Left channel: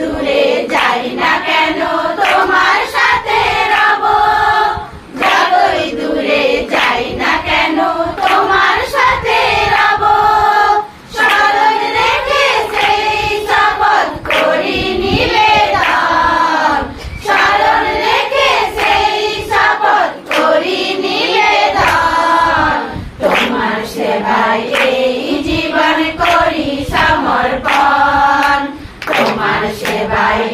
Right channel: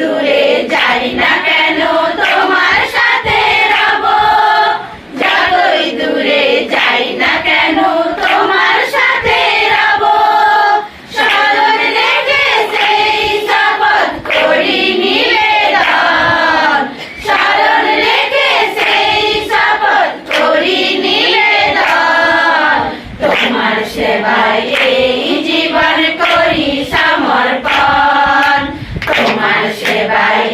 দূরে যাই না কেন তোমার সাথে রব, যতই দূরে যাই না কেন তোমার সাথে রব। স্মরণ রেখে সেই শপথ করি নিবেদন, স্মরণ রেখে সেই শপথ করি নিবেদন। তোমার সেবায় এই জীবন করি সমর্পণ, তোমার সেবায়